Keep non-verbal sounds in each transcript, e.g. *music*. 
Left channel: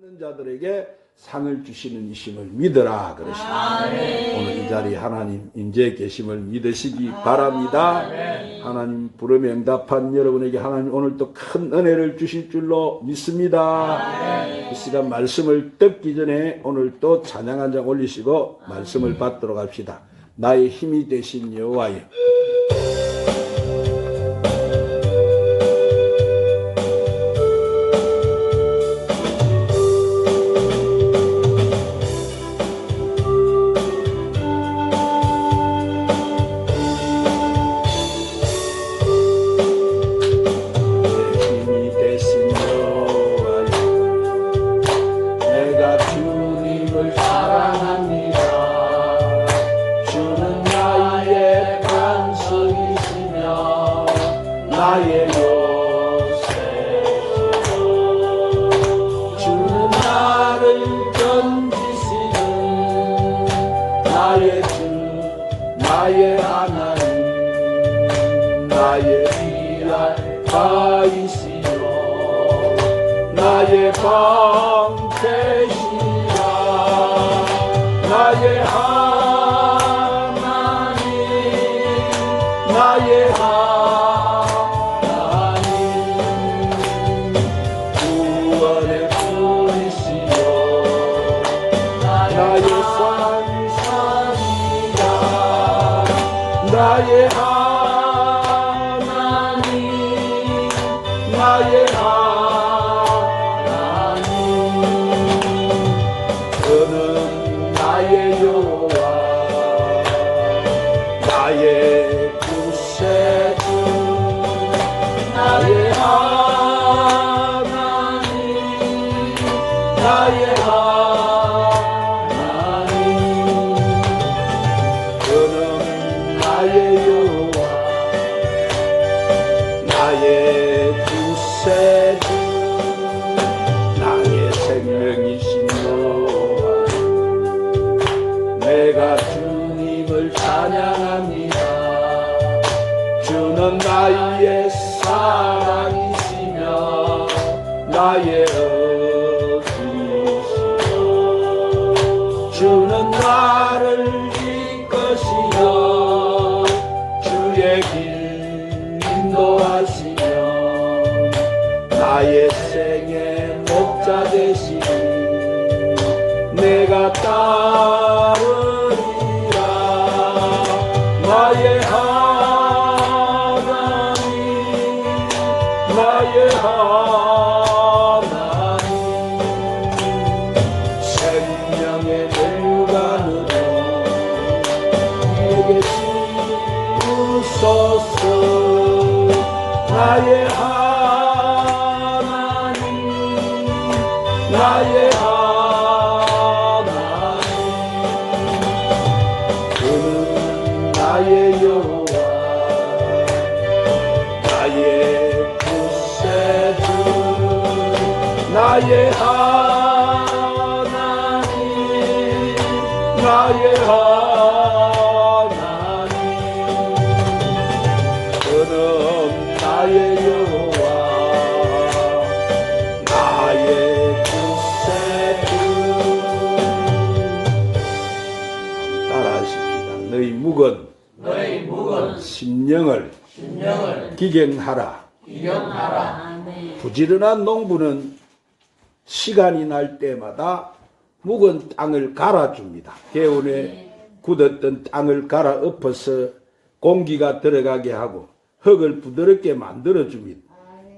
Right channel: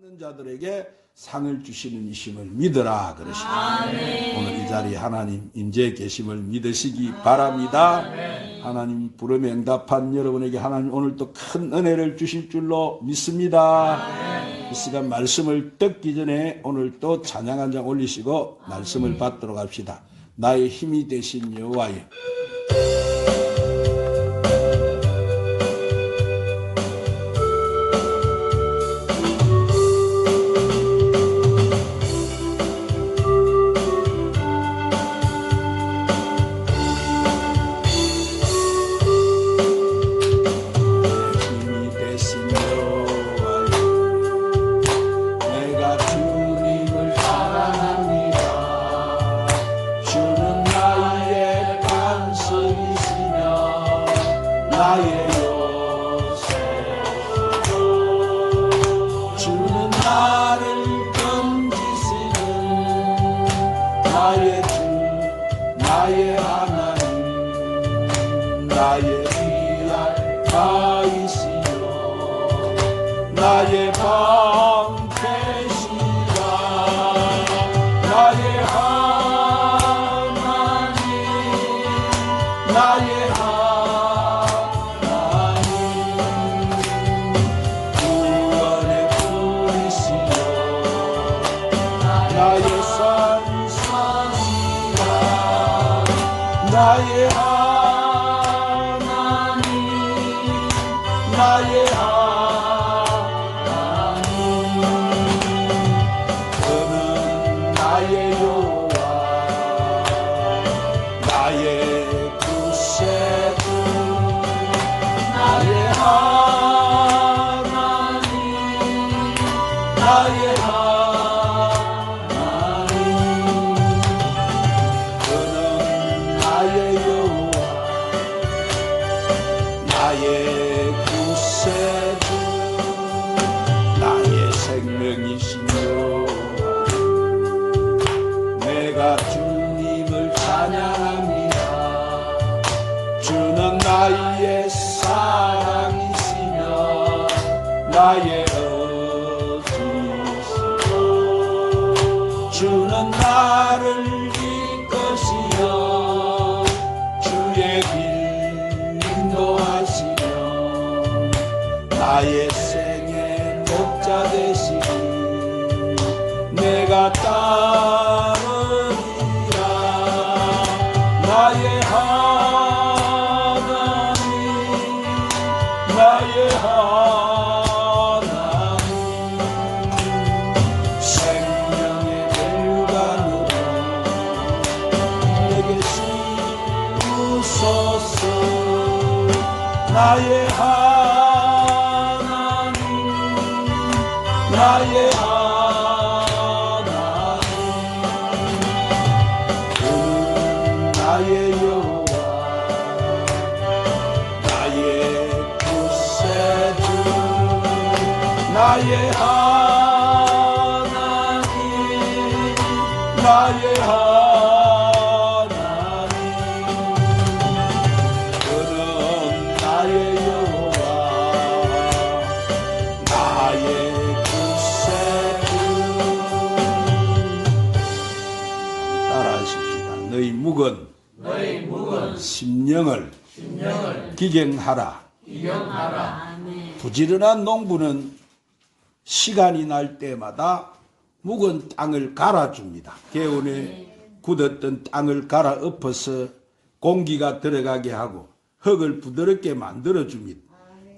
있는 자들에게 상을 주시는 이심을 믿어라 그러십니다. 오늘 이 자리에 하나님 인재 계심을 믿으시기 바랍니다. 하나님 부름에 응답한 여러분에게 하나님 오늘 또큰 은혜를 주실 줄로 믿습니다. 이 시간 말씀을 듣기 전에 오늘 또 찬양 한 장 올리시고 말씀을 받도록 합시다. 나의 힘이 되신 여호와여. 나의 나 기경하라 기경하라. 부지런한 농부는 시간이 날 때마다 묵은 땅을 갈아줍니다. 개운에 굳었던 땅을 갈아 엎어서 공기가 들어가게 하고 흙을 부드럽게 만들어줍니다.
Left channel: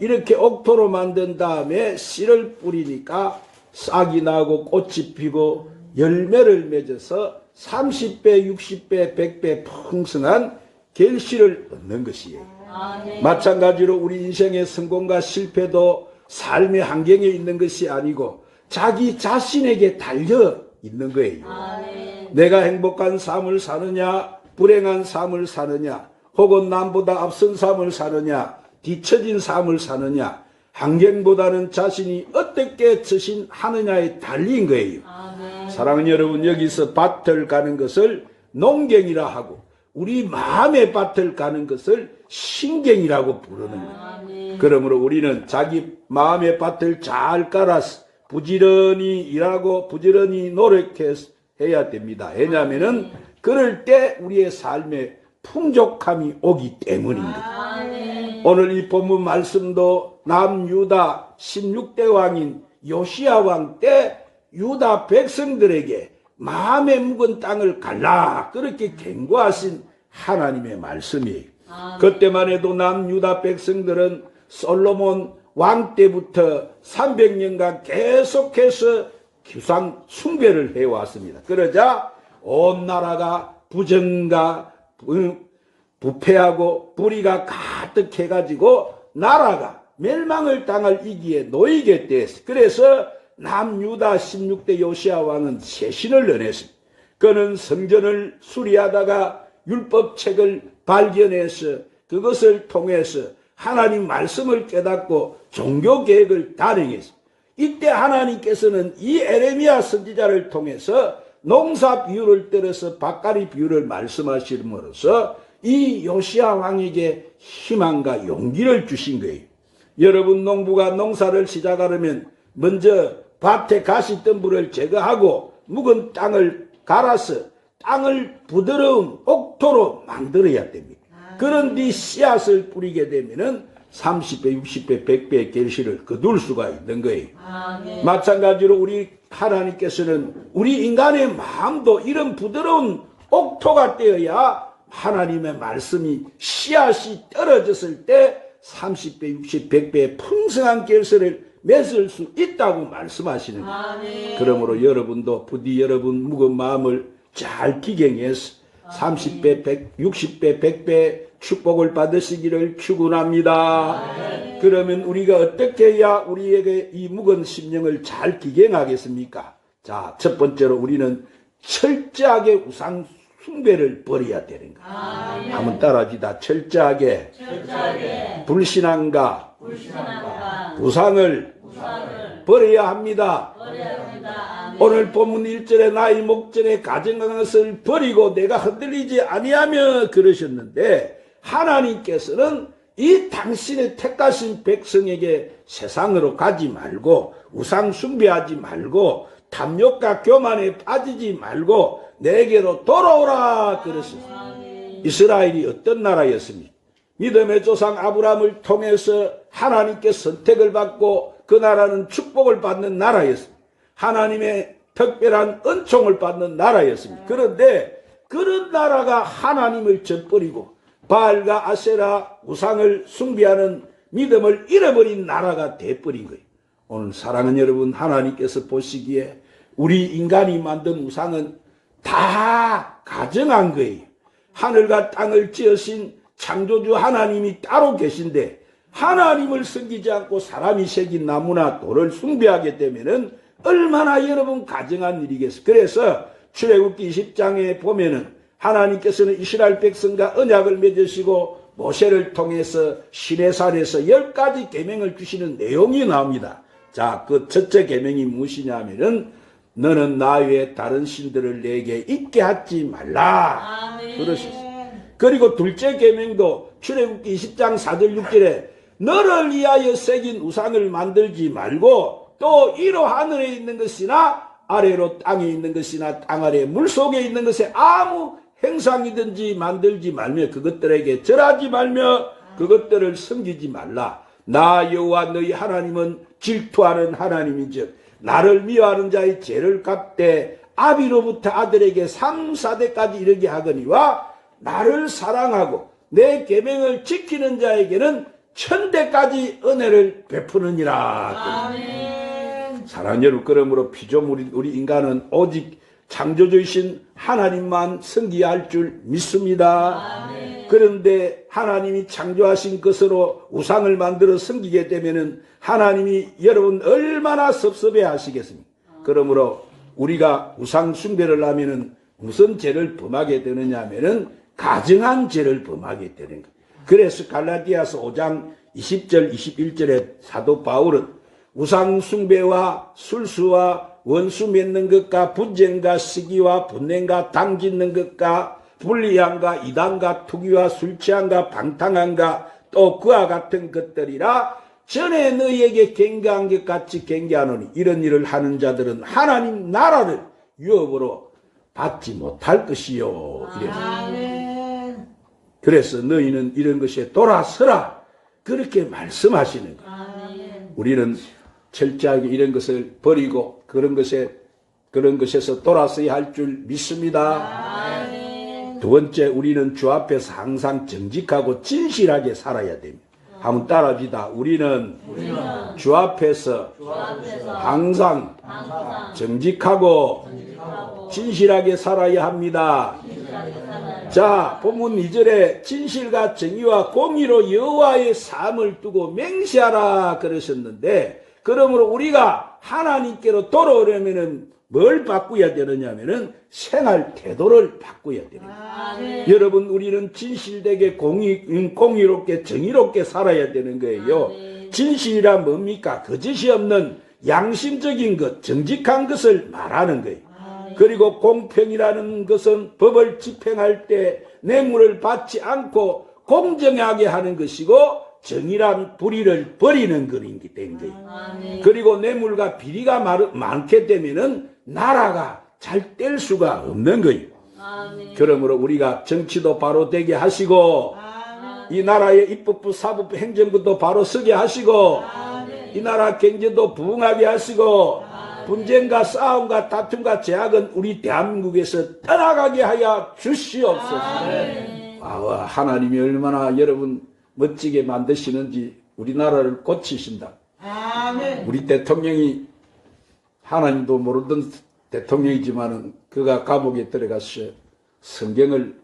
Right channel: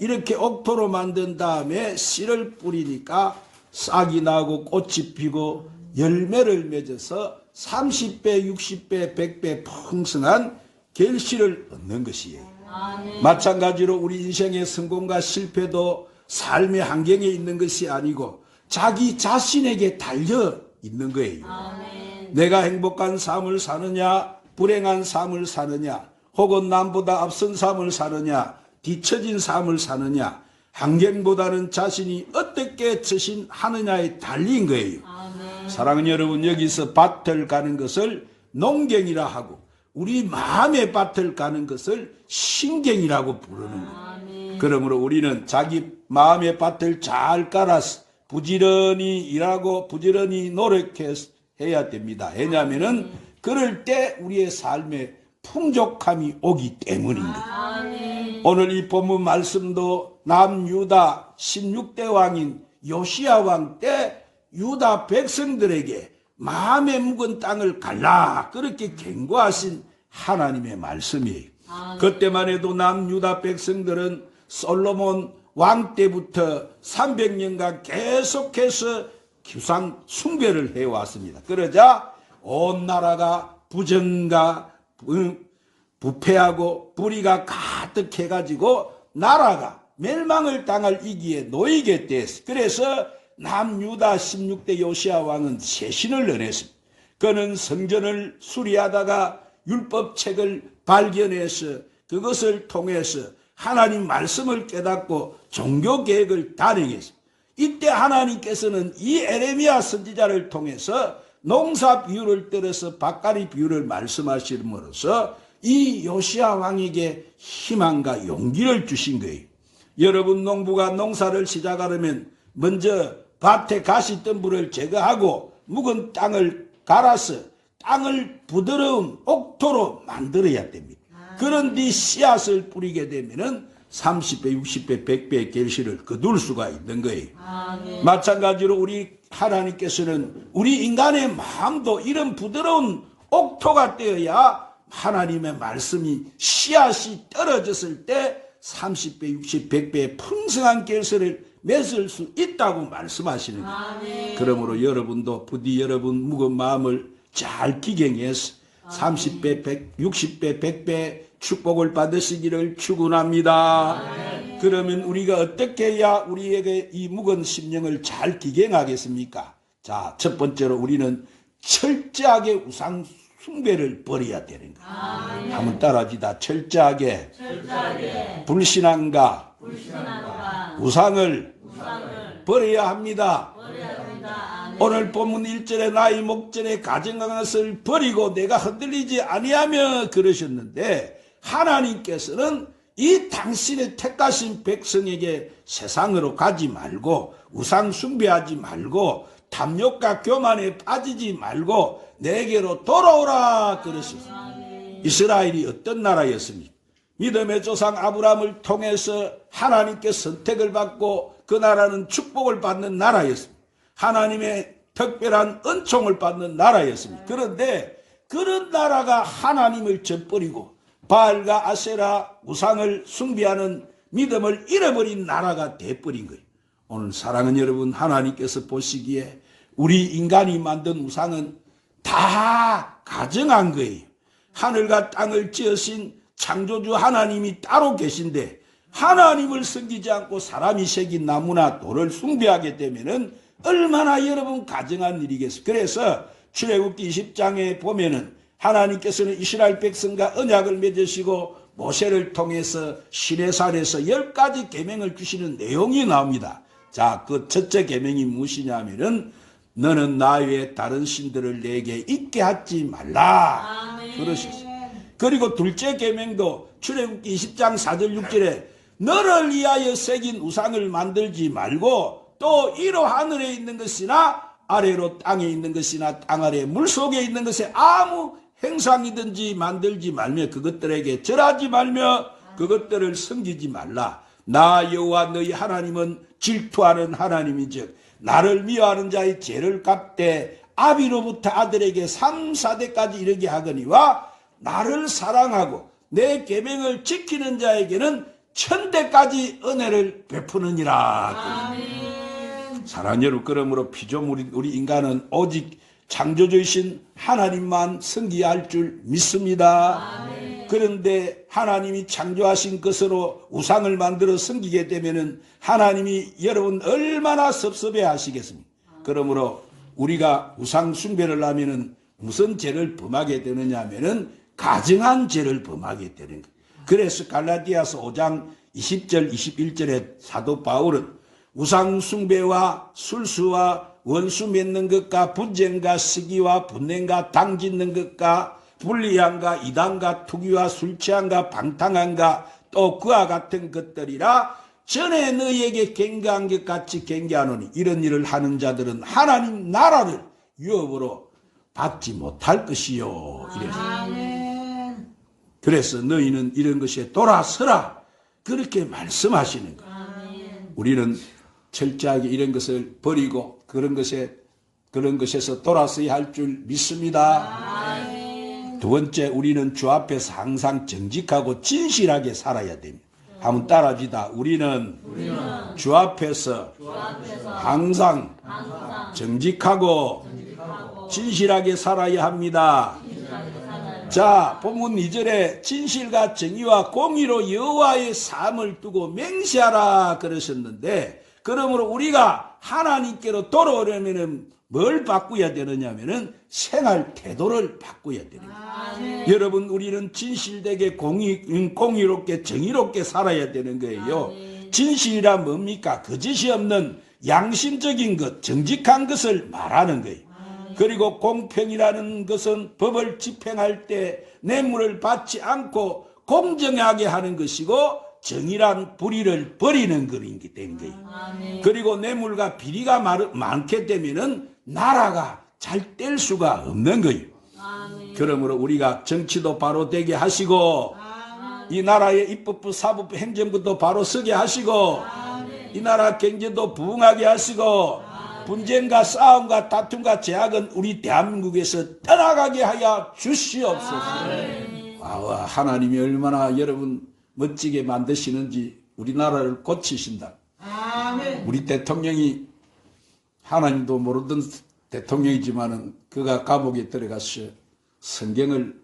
이렇게 옥토로 만든 다음에 씨를 뿌리니까 싹이 나고 꽃이 피고 열매를 맺어서 30배, 60배, 100배 풍성한 결실을 얻는 것이에요. 마찬가지로 우리 인생의 성공과 실패도 삶의 환경에 있는 것이 아니고 자기 자신에게 달려 있는 거예요. 내가 행복한 삶을 사느냐, 불행한 삶을 사느냐, 혹은 남보다 앞선 삶을 사느냐, 뒤처진 삶을 사느냐, 환경보다는 자신이 어떻게 처신하느냐에 달린 거예요. 사랑하는 여러분, 여기서 밭을 가는 것을 농경이라 하고, 우리 마음의 밭을 가는 것을 신경이라고 부르는 거예요. 그러므로 우리는 자기 마음의 밭을 잘 깔아서 부지런히 일하고 부지런히 노력해야 됩니다. 왜냐하면은 그럴 때 우리의 삶에 풍족함이 오기 때문입니다. 오늘 이 본문 말씀도 남유다 16대 왕인 요시야 왕때 유다 백성들에게 마음에 묵은 땅을 갈라 그렇게 경고하신 하나님의 말씀이에요. 그때만 해도 남유다 백성들은 솔로몬 왕 때부터 300년간 계속해서 규상 숭배를 해왔습니다. 그러자 온 나라가 부정과 부- 부패하고 불의가 가득 해가지고 나라가 멸망을 당할 위기에 놓이게 됐어. 그래서 남유다 16대 요시아 왕은 세신을 내냈습니다. 그는 성전을 수리하다가 율법책을 발견해서 그것을 통해서 하나님 말씀을 깨닫고 종교 계획을 단행했습니다. 이때 하나님께서는 이 에레미야 선지자를 통해서 농사 비유를 때려서 밭가리 비유를 말씀하심으로써 이 요시아 왕에게 희망과 용기를 주신 거예요. 여러분 농부가 농사를 시작하려면 먼저 밭에 가시덤불을 제거하고 묵은 땅을 갈아서 땅을 부드러운 옥토로 만들어야 됩니다. 그런 뒤 씨앗을 뿌리게 되면은 30배, 60배, 100배의 결실을 거둘 수가 있는 거예요. 마찬가지로 우리 하나님께서는 우리 인간의 마음도 이런 부드러운 옥토가 되어야 하나님의 말씀이 씨앗이 떨어졌을 때 30배, 60, 100배의 풍성한 결실을 맺을 수 있다고 말씀하시는 거예요. 그러므로 여러분도 부디 여러분 무거운 마음을 잘 기경해서 30배, 100, 60배, 100배 축복을 받으시기를 축원합니다. 그러면 우리가 어떻게 해야 우리에게 이 묵은 심령을 잘 기경하겠습니까? 자, 첫 번째로 우리는 철저하게 우상 숭배를 버려야 되는 거예요. 한번 따라합시다. 철저하게 철저하게 불신앙과 불신앙과 우상을 우상을 버려야 합니다. 버려야 합니다. 오늘 본문 1절에 나의 목전에 가정한 것을 버리고 내가 흔들리지 아니하며 그러셨는데 하나님께서는 이 당신의 택하신 백성에게 세상으로 가지 말고 우상 숭배하지 말고 탐욕과 교만에 빠지지 말고 내게로 돌아오라 그러셨습니다. 이스라엘이 어떤 나라였습니까? 믿음의 조상 아브라함을 통해서 하나님께 선택을 받고 그 나라는 축복을 받는 나라였습니다. 하나님의 특별한 은총을 받는 나라였습니다. 그런데 그런 나라가 하나님을 저버리고 바알과 아세라 우상을 숭배하는 믿음을 잃어버린 나라가 돼버린 거예요. 오늘 사랑하는 여러분 하나님께서 보시기에 우리 인간이 만든 우상은 다 가정한 거예요. 하늘과 땅을 지으신 창조주 하나님이 따로 계신데 하나님을 섬기지 않고 사람이 새긴 나무나 돌을 숭배하게 되면은 얼마나 여러분 가정한 일이겠어요. 그래서 출애굽기 20장에 보면은 하나님께서는 이스라엘 백성과 언약을 맺으시고 모세를 통해서 시내산에서 열 가지 계명을 주시는 내용이 나옵니다. 자, 그 첫째 계명이 무엇이냐면은 너는 나 외에 다른 신들을 내게 있게 하지 말라. 그러셨어요. 그리고 둘째 계명도 출애굽기 20장 4절 6절에 너를 위하여 새긴 우상을 만들지 말고 또 이로 하늘에 있는 것이나 아래로 땅에 있는 것이나 땅 아래 물 속에 있는 것에 아무 행상이든지 만들지 말며 그것들에게 절하지 말며 그것들을 섬기지 말라. 나 여호와 너희 하나님은 질투하는 하나님이즉 나를 미워하는 자의 죄를 갚되 아비로부터 아들에게 3, 4대까지 이르게 하거니와 나를 사랑하고 내 계명을 지키는 자에게는 천대까지 은혜를 베푸느니라. 사랑하는 여러분 그러므로 피조물 우리 인간은 오직 창조주이신 하나님만 섬기야 할줄 믿습니다. 그런데 하나님이 창조하신 것으로 우상을 만들어 섬기게 되면은 하나님이 여러분 얼마나 섭섭해 하시겠습니까? 그러므로 우리가 우상 숭배를 하면은 무슨 죄를 범하게 되느냐 하면은 가증한 죄를 범하게 되는 거예요. 그래서 갈라디아서 5장 20절 21절에 사도 바울은 우상 숭배와 술수와 원수 맺는 것과 분쟁과 시기와 분냉과 당 짓는 것과 불리함과 이단과 투기와 술취함과 방탕함과 또 그와 같은 것들이라 전에 너희에게 경계한 것 같이 경계하노니 이런 일을 하는 자들은 하나님 나라를 유업으로 받지 못할 것이요. 이래서. 그래서 너희는 이런 것에 돌아서라. 그렇게 말씀하시는 거예요. 우리는 철저하게 이런 것을 버리고 그런 것에 그런 것에서 돌아서야 할 줄 믿습니다. 아멘. 두 번째 우리는 주 앞에서 항상 정직하고 진실하게 살아야 됩니다. 한번 따라합시다. 우리는 주 앞에서 항상 정직하고 진실하게 살아야 합니다. 자, 본문 2절에 진실과 정의와 공의로 여호와의 삶을 두고 맹세하라 그러셨는데 그러므로 우리가 하나님께로 돌아오려면은 뭘 바꾸어야 되느냐면은 생활 태도를 바꾸어야 됩니다. 아멘. 여러분 우리는 진실되게 공의, 음, 공의롭게 정의롭게 살아야 되는 거예요. 진실이라 뭡니까? 거짓이 없는 양심적인 것, 정직한 것을 말하는 거예요. 그리고 공평이라는 것은 법을 집행할 때 뇌물을 받지 않고 공정하게 하는 것이고 정의란 불의를 버리는 것이기 때문에 아멘. 그리고 뇌물과 비리가 많- 많게 되면은 나라가 잘 뗄 수가 없는 거예요. 아멘. 그러므로 우리가 정치도 바로 되게 하시고 이 나라의 입법부, 사법부, 행정부도 바로 서게 하시고 이 나라 경제도 부흥하게 하시고 분쟁과 싸움과 다툼과 제약은 우리 대한민국에서 떠나가게 하여 주시옵소서. 아, 하나님이 얼마나 여러분 멋지게 만드시는지 우리나라를 고치신다. 아멘. 우리 대통령이 하나님도 모르던 대통령이지만은 그가 감옥에 들어가서 성경을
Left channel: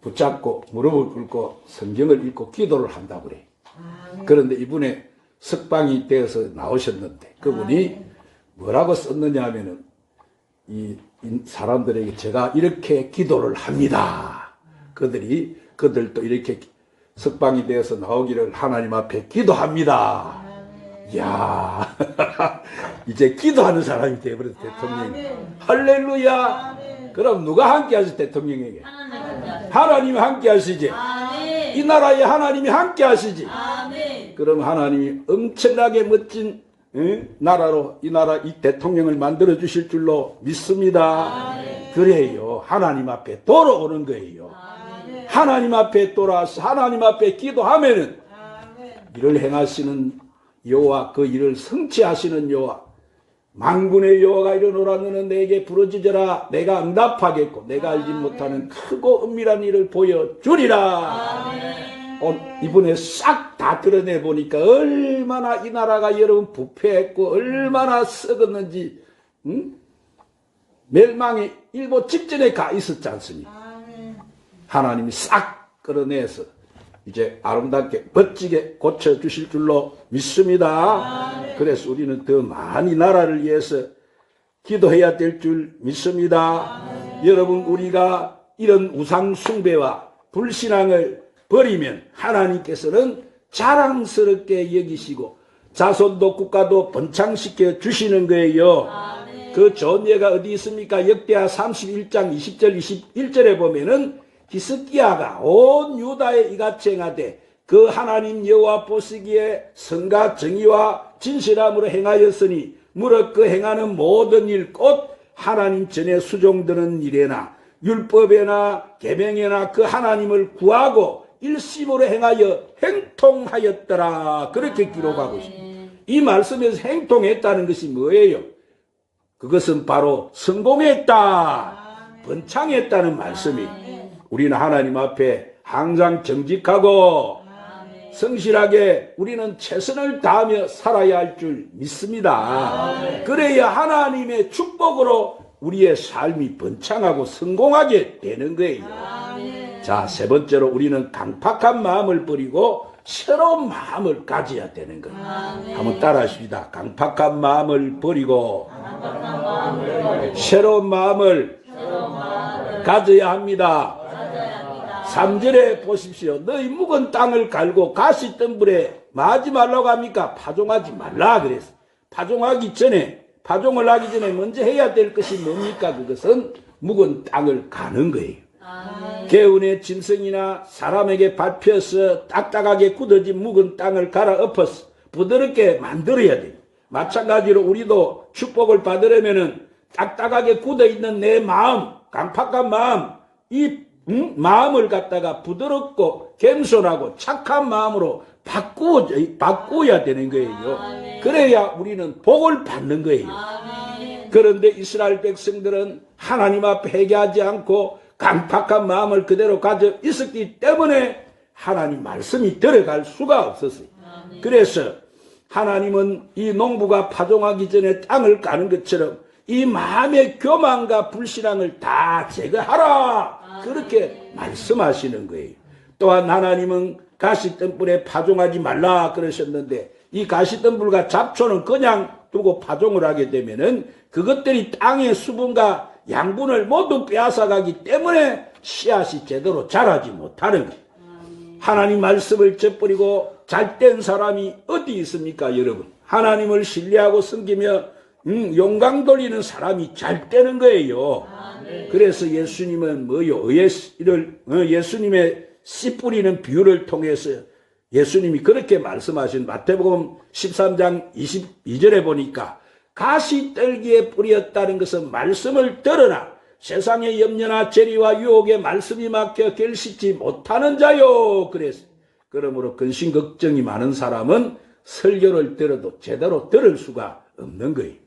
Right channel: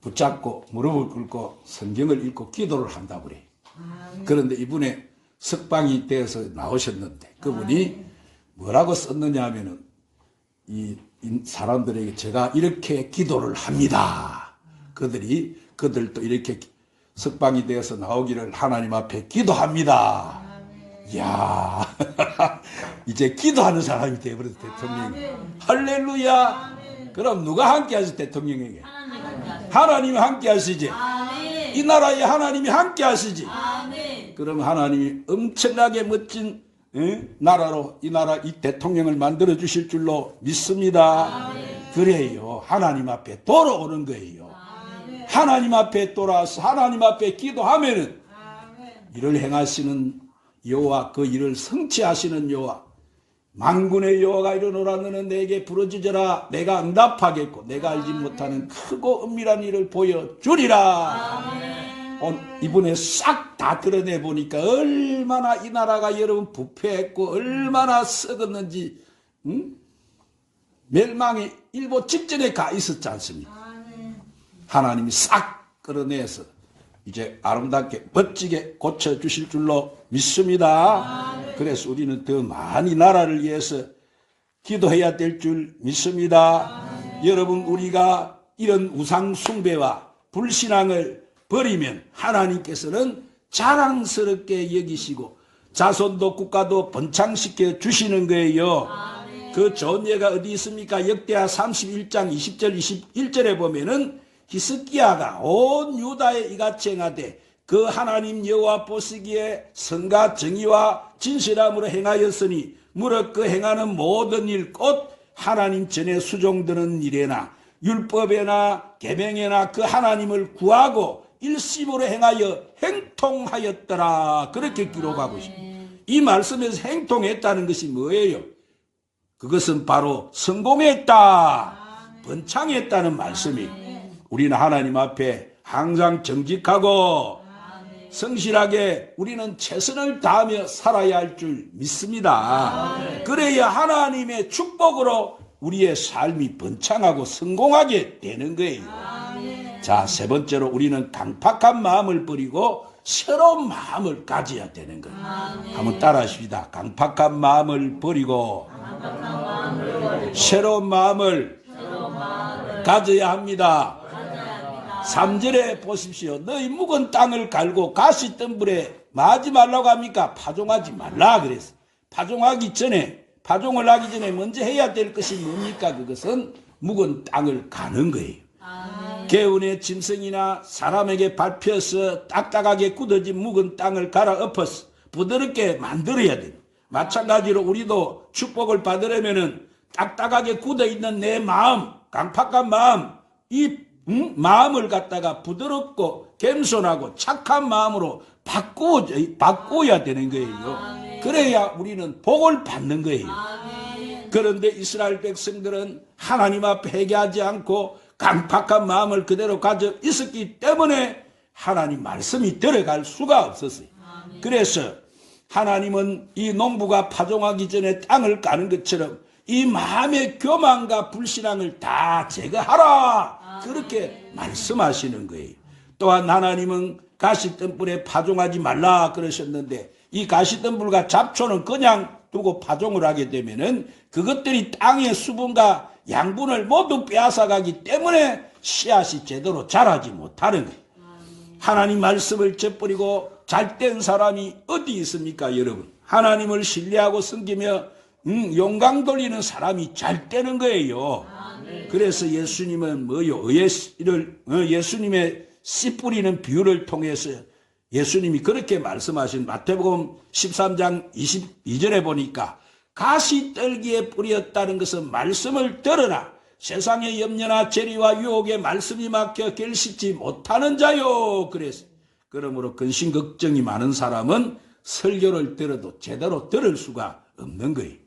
붙잡고 무릎을 꿇고 성경을 읽고 기도를 한다고 그래. 그런데 이분의 석방이 되어서 나오셨는데 그분이 뭐라고 썼느냐 하면은 이, 이 사람들에게 제가 이렇게 기도를 합니다. 그들이 그들도 이렇게 석방이 되어서 나오기를 하나님 앞에 기도합니다. 이야, *laughs* 이제 기도하는 사람이 되어버렸어, 대통령이. 할렐루야! 그럼 누가 함께 하시 대통령에게? 하나님 함께 하시지. 이 나라에 하나님이 함께 하시지. 그럼 하나님이 엄청나게 멋진 예? 나라로 이 나라 이 대통령을 만들어 주실 줄로 믿습니다. 그래요. 하나님 앞에 돌아오는 거예요. 하나님 앞에 돌아와서 하나님 앞에 기도하면은 일을 행하시는 여호와 그 일을 성취하시는 여호와 만군의 여호와가 너는 내게 부르짖어라 내가 응답하겠고 내가 알지 못하는 크고 은밀한 일을 보여주리라 온- 이번에 싹 다 드러내 보니까 얼마나 이 나라가 여러분 부패했고 얼마나 썩었는지 응? 멸망이 일보 직전에 가 있었지 않습니까? 하나님이 싹 끌어내서 이제 아름답게 멋지게 고쳐 주실 줄로 믿습니다. 그래서 우리는 더 많이 나라를 위해서 기도해야 될 줄 믿습니다. 여러분 우리가 이런 우상 숭배와 불신앙을 버리면 하나님께서는 자랑스럽게 여기시고 자손도 국가도 번창시켜 주시는 거예요. 그 좋은 예가 어디 있습니까? 역대하 31장 20절 21절에 보면은 히스기야가 온 유다에 이같이 행하되 그 하나님 여호와 보시기에 선과 정의와 진실함으로 행하였으니 무릇 그 행하는 모든 일 곧 하나님 전에 수종드는 일에나 율법에나 계명에나 그 하나님을 구하고 일심으로 행하여 행통하였더라 그렇게 기록하고 있습니다. 이 말씀에서 행통했다는 것이 뭐예요? 그것은 바로 성공했다, 번창했다는 말씀이. 우리는 하나님 앞에 항상 정직하고 성실하게 우리는 최선을 다하며 살아야 할 줄 믿습니다. 그래야 하나님의 축복으로 우리의 삶이 번창하고 성공하게 되는 거예요. 자, 세 번째로 우리는 강팍한 마음을 버리고 새로운 마음을 가져야 되는 거예요. 한번 따라 하십니다. 강팍한 마음을 버리고 새로운 마음을 가져야 합니다. 3절에 보십시오. 너희 묵은 땅을 갈고 가시 덤불에 마지 말라고 합니까? 파종하지 말라 그랬어. 파종하기 전에 파종을 하기 전에 먼저 해야 될 것이 뭡니까? 그것은 묵은 땅을 가는 거예요. 아멘. 개운의 짐승이나 사람에게 밟혀서 딱딱하게 굳어진 묵은 땅을 갈아 엎어서 부드럽게 만들어야 돼. 마찬가지로 우리도 축복을 받으려면은 딱딱하게 굳어 있는 내 마음, 강팍한 마음, 이 음? 마음을 갖다가 부드럽고 겸손하고 착한 마음으로 바꾸어 바꾸어야 되는 거예요. 그래야 우리는 복을 받는 거예요. 아멘. 그런데 이스라엘 백성들은 하나님 앞에 회개하지 않고 강팍한 마음을 그대로 가져 있었기 때문에 하나님 말씀이 들어갈 수가 없었어요. 그래서 하나님은 이 농부가 파종하기 전에 땅을 까는 것처럼 이 마음의 교만과 불신앙을 다 제거하라. 그렇게 말씀하시는 거예요. 또한 하나님은 가시덤불에 파종하지 말라 그러셨는데 이 가시덤불과 잡초는 그냥 두고 파종을 하게 되면은 그것들이 땅의 수분과 양분을 모두 빼앗아가기 때문에 씨앗이 제대로 자라지 못하는 거예요. 하나님 말씀을 젖버리고 잘된 사람이 어디 있습니까, 여러분? 하나님을 신뢰하고 섬기며 음, 영광 돌리는 사람이 잘 되는 거예요. 그래서 예수님은 뭐요? 예수를 어, 예수님의 씨 뿌리는 비유를 통해서 예수님이 그렇게 말씀하신 마태복음 13장 22절에 보니까 가시 떨기에 뿌렸다는 것은 말씀을 들으라 세상의 염려나 재리와 유혹에 말씀이 막혀 결실지 못하는 자요 그래서 그러므로 근심 걱정이 많은 사람은 설교를 들어도 제대로 들을 수가 없는 거예요.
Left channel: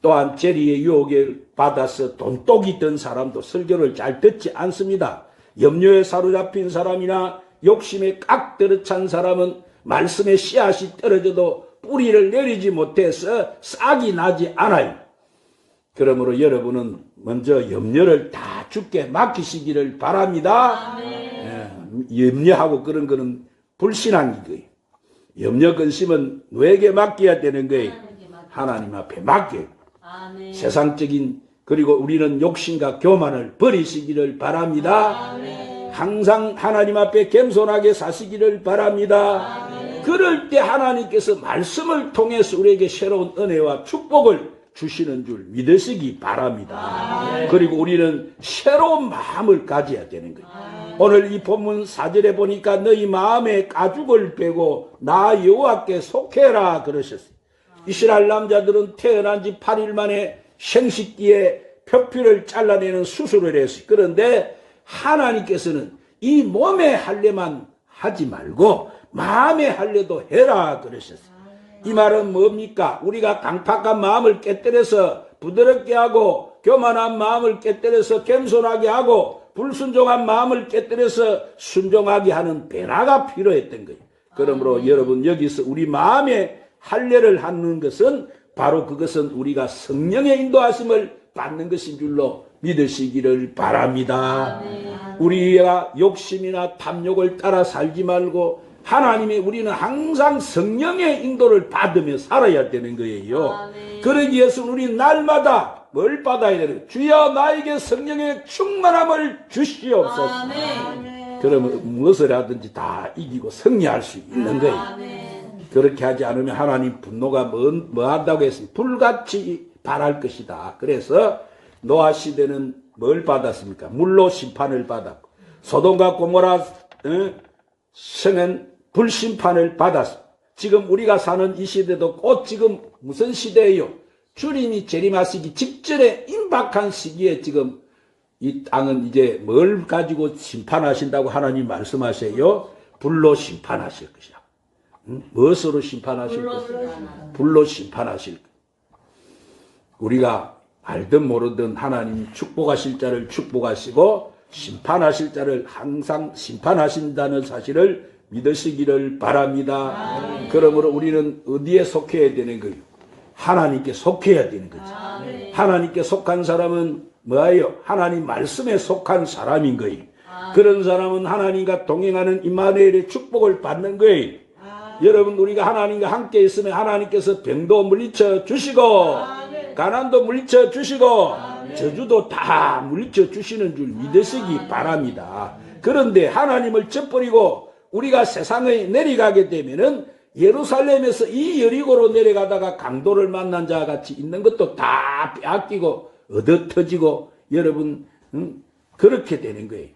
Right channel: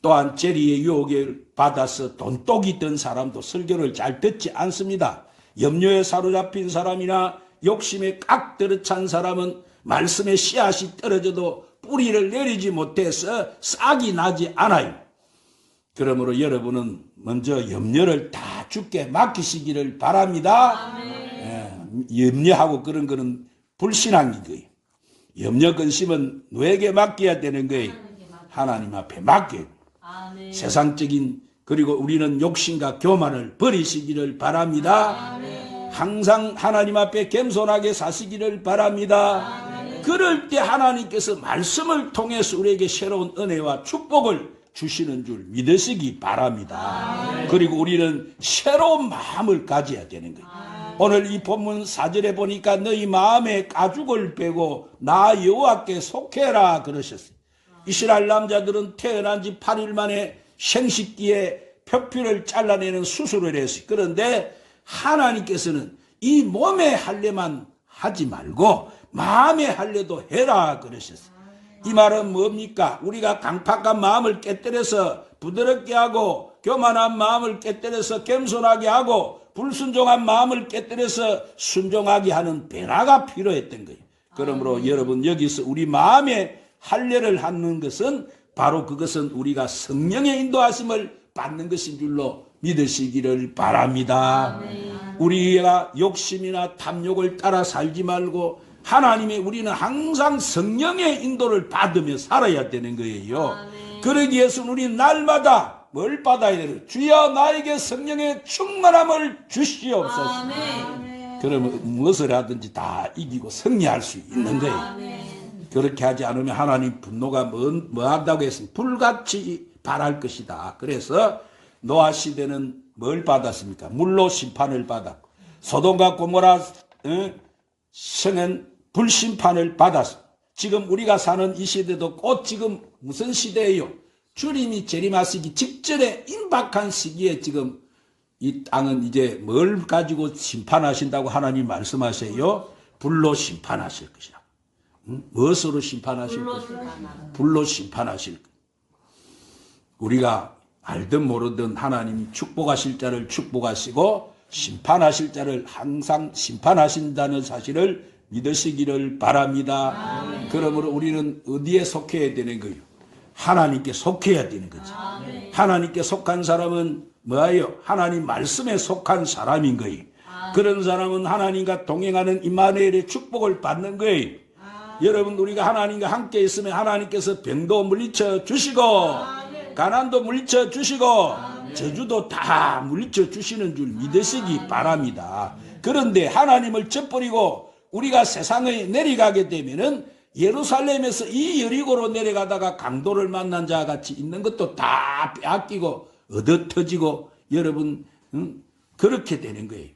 또한 재리의 유혹에 받아서 돈독이 든 사람도 설교를 잘 듣지 않습니다. 염려에 사로잡힌 사람이나 욕심에 깍 들어 찬 사람은 말씀의 씨앗이 떨어져도 뿌리를 내리지 못해서 싹이 나지 않아요. 그러므로 여러분은 먼저 염려를 다 죽게 맡기시기를 바랍니다. 예, 염려하고 그런 거는 불신앙인 거예요. 염려 근심은 누에게 맡겨야 되는 거예요. 하나님 앞에 맡겨요. 아멘. 세상적인 그리고 우리는 욕심과 교만을 버리시기를 바랍니다. 항상 하나님 앞에 겸손하게 사시기를 바랍니다. 그럴 때 하나님께서 말씀을 통해서 우리에게 새로운 은혜와 축복을 주시는 줄 믿으시기 바랍니다. 그리고 우리는 새로운 마음을 가져야 되는 거예요. 오늘 이 본문 사절에 보니까 너희 마음에 가죽을 빼고 나 여호와께 속해라 그러셨어요. 이스라엘 남자들은 태어난 지 8일 만에 생식기에 표피를 잘라내는 수술을 했어요. 그런데 하나님께서는 이 몸의 할례만 하지 말고 마음의 할례도 해라 그러셨어요. 이 말은 뭡니까? 우리가 강팍한 마음을 깨뜨려서 부드럽게 하고 교만한 마음을 깨뜨려서 겸손하게 하고 불순종한 마음을 깨뜨려서 순종하게 하는 변화가 필요했던 거예요. 그러므로 여러분 여기서 우리 마음에 할례를 하는 것은 바로 그것은 우리가 성령의 인도하심을 받는 것인 줄로 믿으시기를 바랍니다. 우리가 욕심이나 탐욕을 따라 살지 말고 하나님의 우리는 항상 성령의 인도를 받으며 살아야 되는 거예요. 그러기 위해서 우리 날마다 뭘 받아야 되는 주여 나에게 성령의 충만함을 주시옵소서. 그러면 무엇을 하든지 다 이기고 승리할 수 있는 거예요. 그렇게 하지 않으면 하나님 분노가 뭐, 뭐 한다고 했으면 불같이 발할 것이다. 그래서 노아 시대는 뭘 받았습니까? 물로 심판을 받았고 소돔과 고모라 어? 성은 불심판을 받았어. 지금 우리가 사는 이 시대도 곧 지금 무슨 시대예요? 주님이 재림하시기 직전에 임박한 시기에 지금 이 땅은 이제 뭘 가지고 심판하신다고 하나님 말씀하세요? 불로 심판하실 것이야. 응? 무엇으로 심판하실? 심판하라. 불로 심판하실 것. 우리가 알든 모르든 하나님 축복하실 자를 축복하시고 심판하실 자를 항상 심판하신다는 사실을 믿으시기를 바랍니다. 그러므로 우리는 어디에 속해야 되는 거예요? 하나님께 속해야 되는 거죠. 하나님께 속한 사람은 뭐예요? 하나님 말씀에 속한 사람인 거예요. 그런 사람은 하나님과 동행하는 임마누엘의 축복을 받는 거예요. 여러분 우리가 하나님과 함께 있으면 하나님께서 병도 물리쳐 주시고 가난도 물리쳐 주시고 저주도 다 물리쳐 주시는 줄 믿으시기 바랍니다. 그런데 하나님을 젖버리고 우리가 세상에 내려가게 되면은 예루살렘에서 이 여리고로 내려가다가 강도를 만난 자와 같이 있는 것도 다 빼앗기고 얻어 터지고 여러분 음, 그렇게 되는 거예요.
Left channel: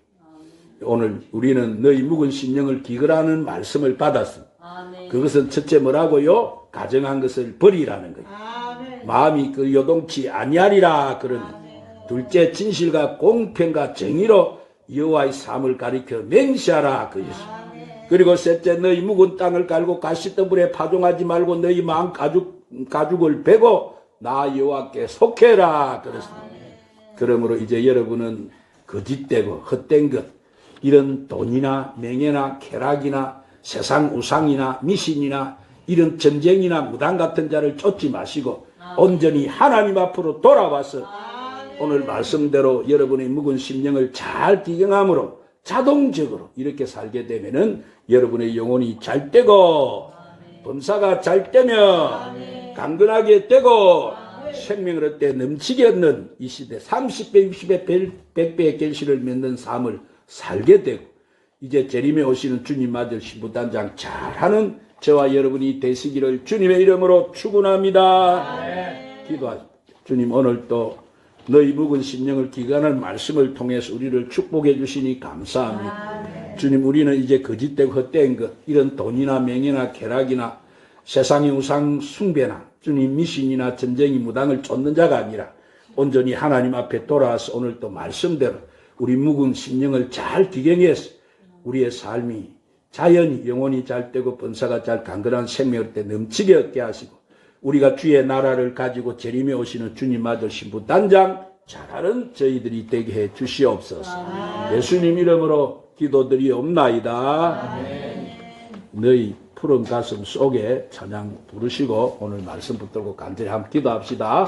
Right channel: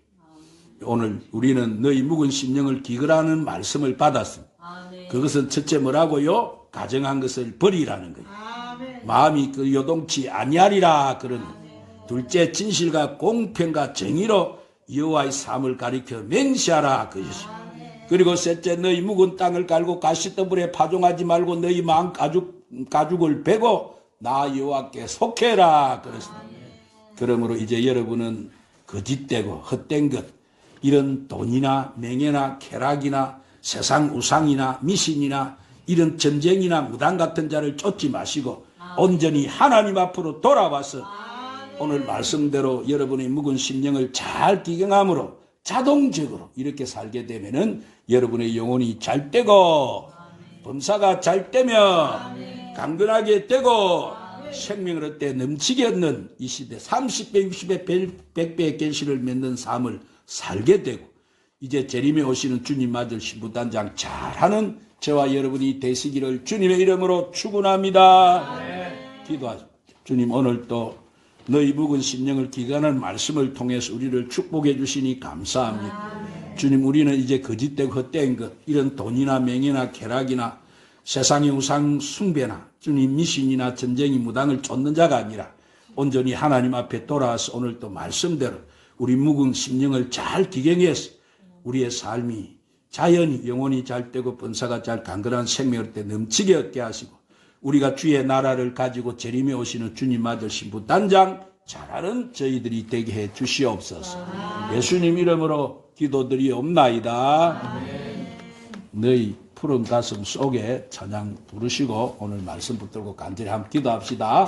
오늘 우리는 너희 묵은 심령을 기거라는 말씀을 받았습니다. 그것은 첫째 뭐라고요? 가정한 것을 버리라는 거예요. 마음이 그 요동치 아니하리라 그러니 둘째 진실과 공평과 정의로 여호와의 삶을 가리켜 맹시하라 그것입니다. 그리고 셋째 너희 묵은 땅을 갈고 가시더불에 파종하지 말고 너희 마음 가죽 가죽을 베고 나 여호와께 속해라 그랬습니다. 그러므로 이제 여러분은 거짓되고 헛된 것 이런 돈이나 명예나 쾌락이나 세상 우상이나 미신이나 이런 점쟁이나 무당 같은 자를 쫓지 마시고 온전히 하나님 앞으로 돌아와서 오늘 말씀대로 여러분의 묵은 심령을 잘 기경함으로 자동적으로 이렇게 살게 되면은 여러분의 영혼이 잘 되고 범사가 잘 되면 강건하게 되고 생명을 얻되 넘치게 얻는 이 시대 30배, 60배, 100배의 결실을 맺는 삶을 살게 되고 이제 재림에 오시는 주님 아들 신부단장 잘하는 저와 여러분이 되시기를 주님의 이름으로 축원합니다. 기도하십시오. 주님 오늘 또 너희 묵은 심령을 기간할 말씀을 통해서 우리를 축복해 주시니 감사합니다. 주님 우리는 이제 거짓되고 헛된 것 이런 돈이나 명예나 쾌락이나 세상의 우상 숭배나 주님 미신이나 전쟁이 무당을 쫓는 자가 아니라 온전히 하나님 앞에 돌아와서 오늘 또 말씀대로 우리 묵은 심령을 잘 기경해서 우리의 삶이 자연히 영혼이 잘 되고 번사가 잘 강건한 생명을 때 넘치게 얻게 하시고 우리가 주의 나라를 가지고 재림에 오시는 주님 아들 신부 단장 잘하는 저희들이 되게 해 주시옵소서. 예수님 이름으로 기도드리옵나이다. 너희 푸른 가슴 속에 찬양 부르시고 오늘 말씀 붙들고 간절히 함께 기도합시다.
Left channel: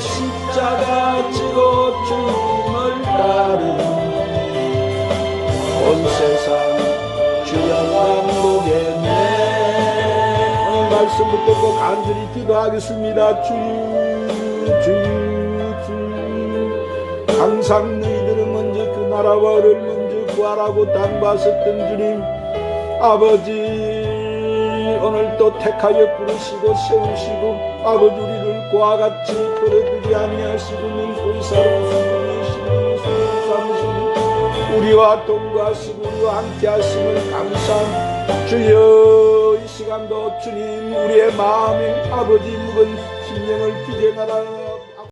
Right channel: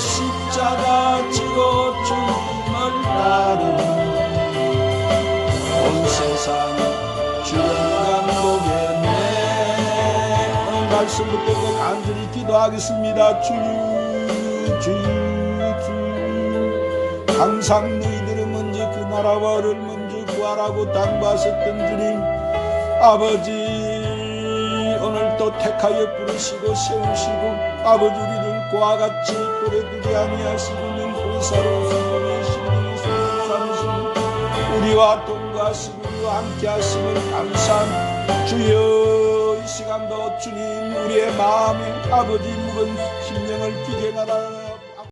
십자가 지고 죽을 따르 온 세상 주 한양복에 내 말씀 붙들고 간절히 기도하겠습니다. 주주주. 항상 너희들은 먼저 그 나라와 를 먼저 구하라고 당부하셨던 주님 아버지 오늘도 택하여 부르시고 세우시고 아버지 우리를 그와 같이 버려두지 아니하시고는 본사로 성공하시고 삼으시고 우리와 동거하시고 우리와 함께 하심을 감사함. 주여 이 시간도 주님 우리의 마음에 아버지